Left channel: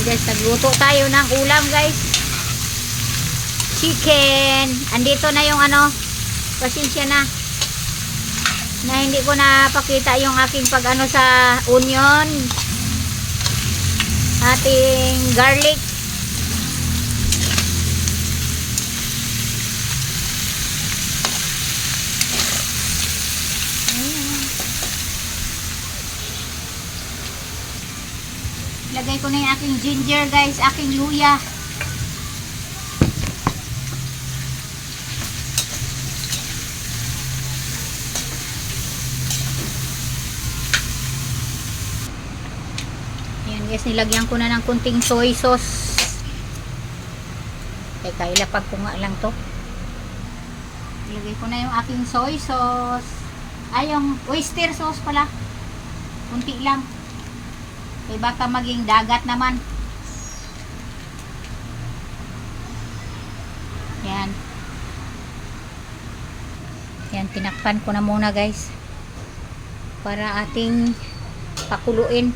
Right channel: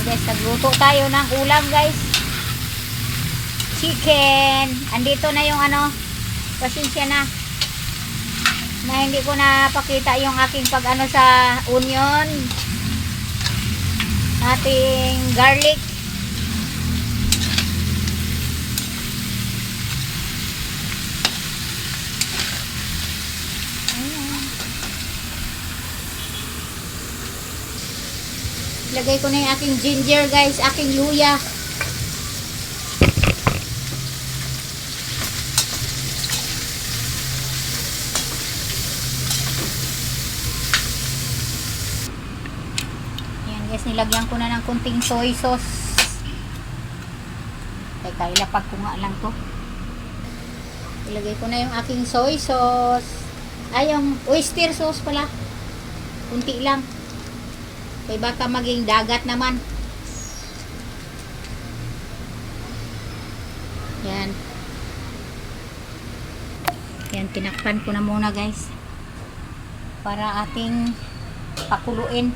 guys, nagluto tayo ng ulam guys. Chicken. Andito na yung ano, pasensya na hindi ko napakita yung aking pag ano sa onion, ating garlic. Lagay ko na yung aking ginger guys, aking luya. Ayan guys, nilagyan ko na ng kunting soy sauce. Teka, ilapag ko nga lang to. Ilagay ko na yung aking soy sauce. Ay, yung oyster sauce pala. Kunti lang. Kaya baka maging dagat naman. Yan. Yan, tinakpan ko na muna guys. Para ating pakuluin.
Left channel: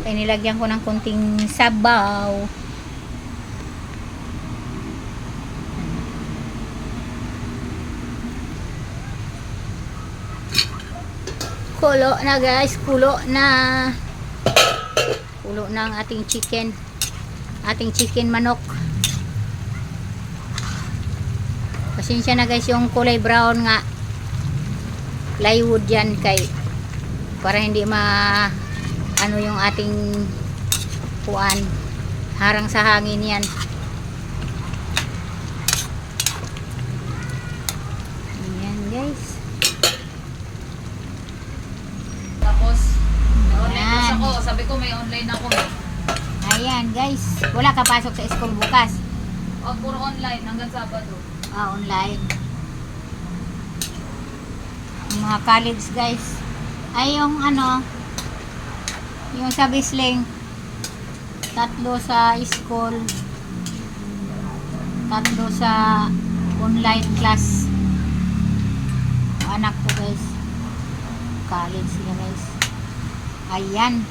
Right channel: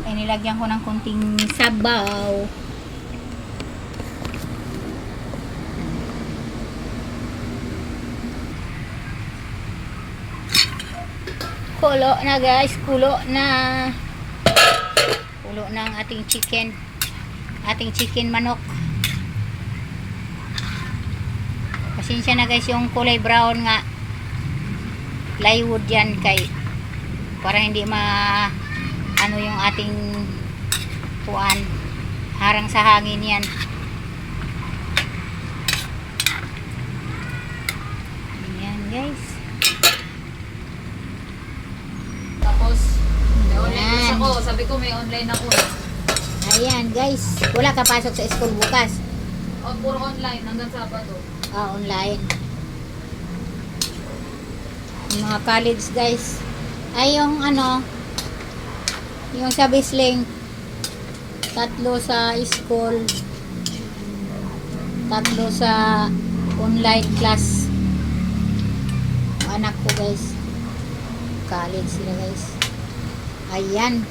Kaya nilagyan ko ng konting sabaw. Kulo na guys, kulo na. Kulo na ang ating chicken. Ating chicken manok. Pasensya na guys yung kulay brown nga. Plywood yan kay para hindi ano yung ating kuan. Harang sa hangin yan. Yan guys. Tapos online class ako. Sabi ko may online ako. Ayan guys. Wala ka pasok sa school bukas. O, puro online hanggang Sabado. Online. Yung mga college guys. Ay yung ano, yung sa Bisling, 3 sa school, 3 sa online class. Anak ko guys, college sila guys. Ayan,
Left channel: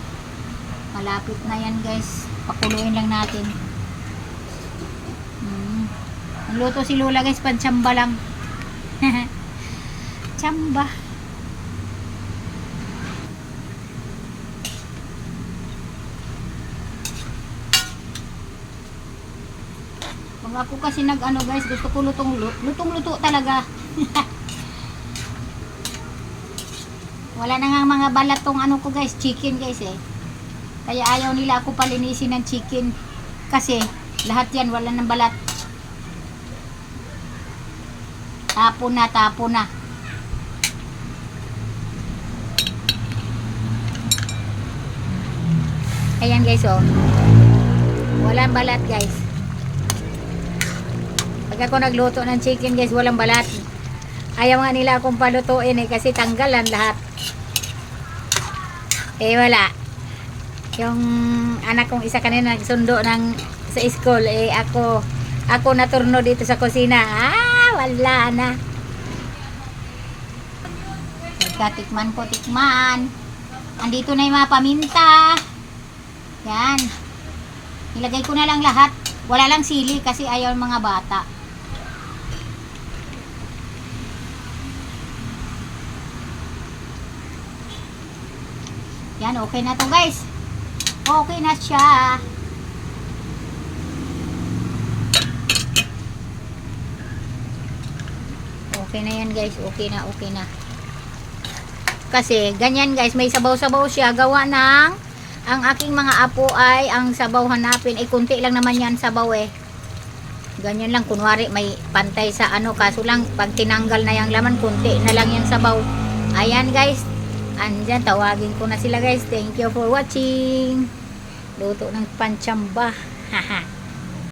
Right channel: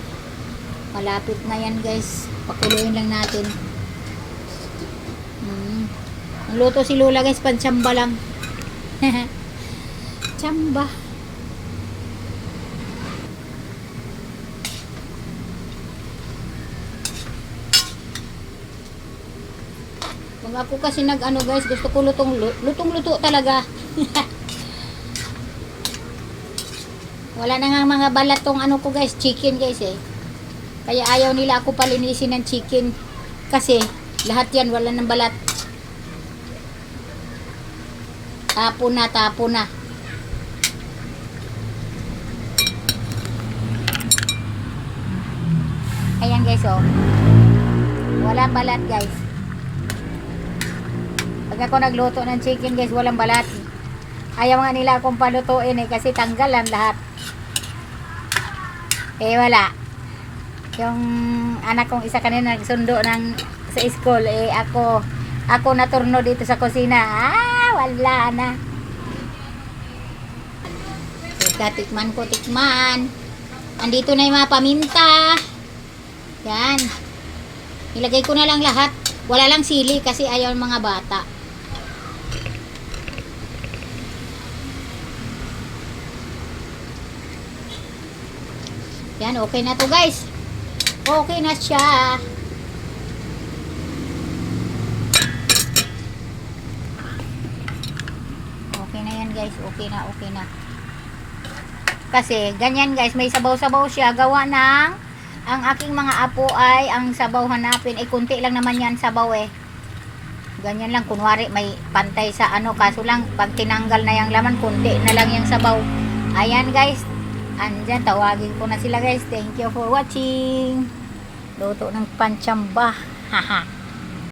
malapit na yan guys. Pakuluin lang natin. Luto si Lola guys, pantsamba lang. Tsamba. Kung ako kasi nag-ano guys, gusto ko lutong-luto talaga. Wala na nga mga balat tong ano ko guys, chicken guys eh. Kaya ayaw nila ako palinisin ng chicken. Kasi lahat yan wala ng balat. Tapo na, tapo na. Ayan guys oh. Walang balat guys. Pag ako nagluto ng chicken guys, walang balat. Ayaw nga nila akong palutuin eh kasi tanggalan lahat. Eh wala. Yung anak kong isa kanina nagsundo sa school eh ako naturno dito sa kusina. Wala na. Tikman ko, tikman. Andito na yung mga paminta. Yan. Ilagay ko na lang lahat. Wala lang sili kasi ayaw mga bata. Yan, okay na to guys. Okay na siya. Okay na yan guys, okay na. Kasi ganyan guys, may sabaw-sabaw siya. Gawa ng ang aking mga apo ay ang sabaw hanapin. Eh kunti lang naman yan sabaw eh. Ganyan lang, kunwari may pantay sa ano. Kaso lang, pag tinanggal na yung laman, kunti na lang yung sabaw. Ayan guys, andyan, tawagin ko na sila guys. Thank you for watching. Luto ng pantsamba. Haha.